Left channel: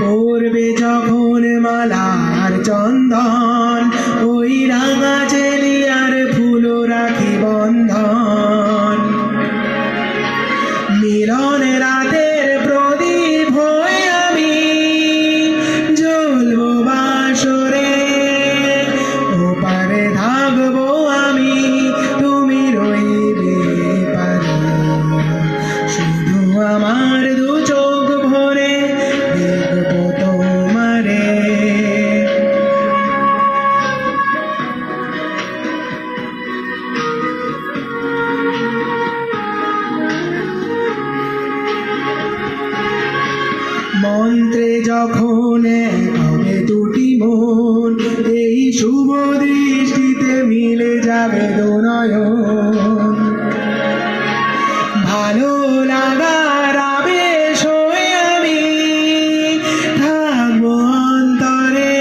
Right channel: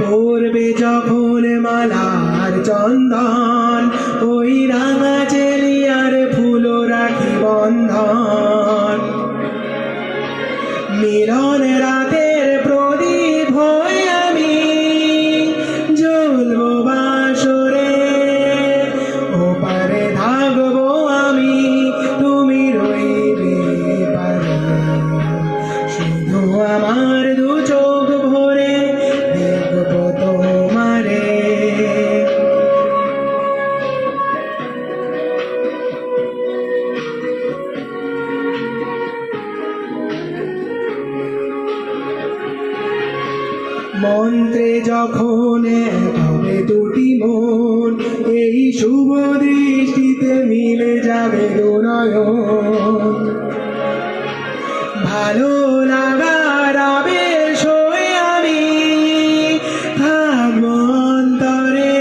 পড়বে যখন মালার চন্দন, ওই রাঙা চেলিয়ার ফুল রাখি বন্ধন। মিলন রাতের প্রদীপ হয়ে আমি জ্বলবো বাসরে, ওপারে থাকবো আমি, তুমি রইবে পারে। শুধু আমার দু চোখ ভরে দেখবো তোমারে। মন্ত্রে যখন হবে দুটি মন, এই শুভ দৃষ্টিতে মিলে যাবে দুনয়ন। ভালো লাগার আবেশ হয়ে আমি থাকবো অন্তরে।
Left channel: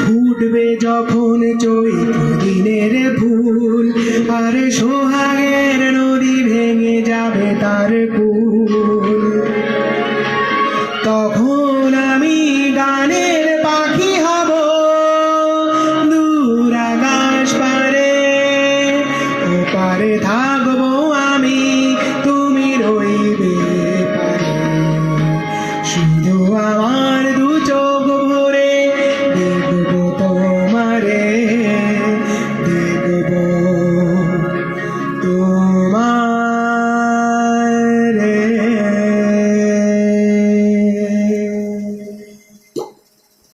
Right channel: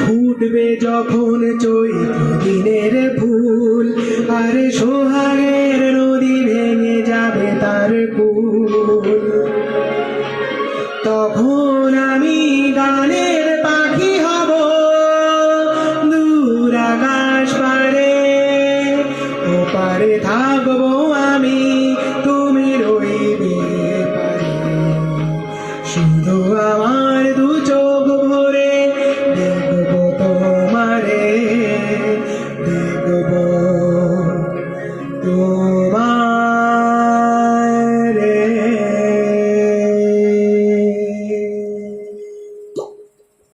ফুটবে যখন চৈত্র দিনের ফুল, আর সোহাগের নদী ভেঙে যাবে তার কুল। তখন আমি গানের পাখি হব দূর আকাশ পারে, ওপারে থাকবো